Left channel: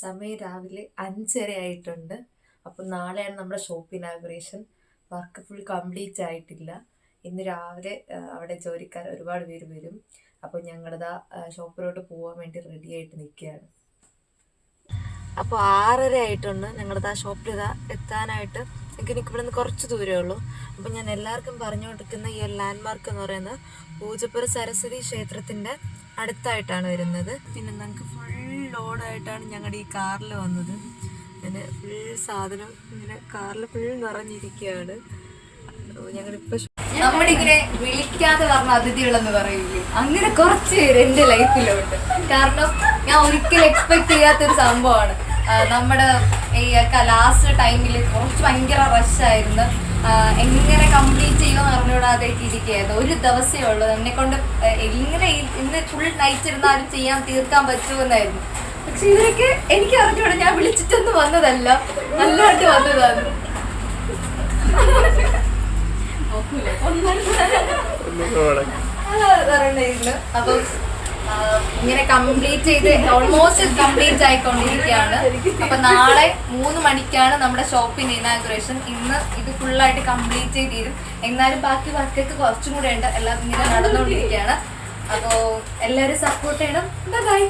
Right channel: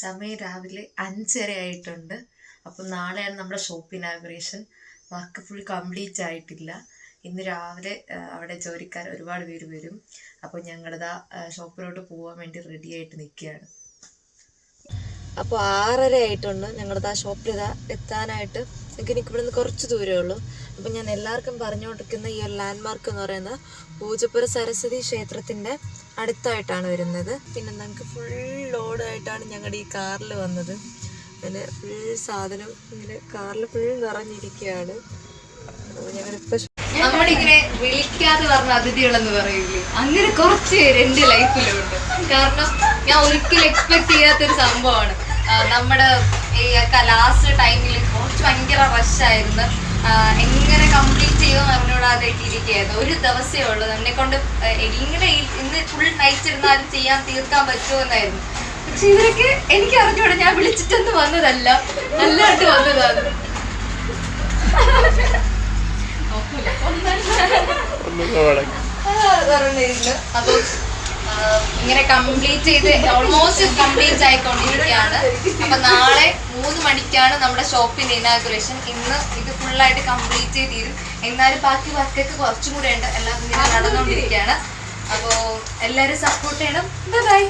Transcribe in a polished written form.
സമയം രാവിലെ 5:30 ആയിട്ടുണ്ട്. അപ്പം നാളെയാണ് നമ്മുടെ shop inauguration. Work full complete ആയിട്ടില്ല. ഇന്ന് രാവിലെ അവിടെ ജോലിക്കാർ ഒരുപാട് പേര് വരും. അപ്പോൾ ഞങ്ങളിതാ ഷോപ്പിലോട്ട് പോകാൻ വേണ്ടി റെഡി ആയിട്ട് നിൽക്കുകയാണ്. അപ്പോൾ 6:30 ആയിട്ടുണ്ട്. ഞങ്ങളിതാ ഷോപ്പിൽ എത്താനായിട്ട് എനിക്ക് ഇവിടെ നിന്ന് കുറച്ച് ദൂരമേ ഉള്ളൂ. അപ്പം ഞാൻ എല്ലാവർക്കും പറഞ്ഞുകൊണ്ടിരിക്കുന്ന ഈ ഒരു ലാൻഡ്മാർക്ക് എന്ന് പറയുന്നത് പൂജപ്പുര സരസ്വതി ക്ഷേത്രത്തിൻ്റെ അടുത്തായിട്ടാണ് വരുന്നത്. പിന്നെ ഞങ്ങൾക്ക് ഫുൾ ലോഡായിട്ടാണ് ഞങ്ങളുടെ ഈ കാറിൽ വന്നത്. പിന്നെ ഫുൾ സാധനം ഇങ്ങനെ കാറിൽ ഫുൾ നിറഞ്ഞിരിക്കുകയാണ്. ഞങ്ങളിപ്പോൾ നമ്മളിങ്ങനെ വിളിക്കാതെ പറഞ്ഞ അതിഥികളെന്ന് പറയില്ലേ, അങ്ങനെ കുറച്ച് പേര് എൻ്റെ ലൈഫിലുണ്ട്. കാരണം ഞാൻ ഒരിക്കലും എക്സ്പെക്ട് ചെയ്യാത്തൊരു സംഭവമാണ്. നമ്മുടെ ഈ ലാസ്റ്റ് ടൈമിൽ കുറച്ച് ഭയങ്കര റഷായിരുന്നു. എങ്ങനെ കംപ്ലീറ്റ് ചെയ്യുമെന്ന് അറിഞ്ഞുകൂടാതായിട്ട് ഇരിക്കുകയായിരുന്നു. ഒരു ദിവസമേ ഉള്ളൂ. എന്നെ കൊണ്ട് എങ്ങനെ ഇന്ന് ഫുൾ നൈറ്റ് ഇരുന്നാലും തീർക്കാൻ പറ്റുമെന്നായിരുന്നു. പക്ഷെ ഇവരൊക്കെ എനിക്ക് അറിഞ്ഞൂടാ, ഞാൻ വിളിച്ചിട്ടൊന്നും വന്നതല്ല, നല്ലതായിട്ട് വന്നതാണ്. അപ്പൊ ഇങ്ങനെ കംപ്ലീറ്റ് ചെയ്ത് ഓൾമോസ്റ്റ് കംപ്ലീറ്റ് ആയിക്കൊണ്ടിരിക്കുകയാണ്. അപ്പൊ നാളെ 3 മണിക്കാണ് നമ്മുടെ ഷോപ്പിന്റെ ഇനാഗുറേഷൻ. ഇന്ന് ഇത് ഫുള്ളായിട്ട് കംപ്ലീറ്റ് ചെയ്ത് തീരും. എന്നാലും ബാക്കി വർക്കൊക്കെ കുറച്ചും കൂടെ ഉണ്ട്. എല്ലാം ഇങ്ങനെ നടന്നുകൊണ്ടിരിക്കുകയാണ്. അപ്പോൾ എല്ലാവരും സപ്പോർട്ട് ചെയ്യണം. ബൈ.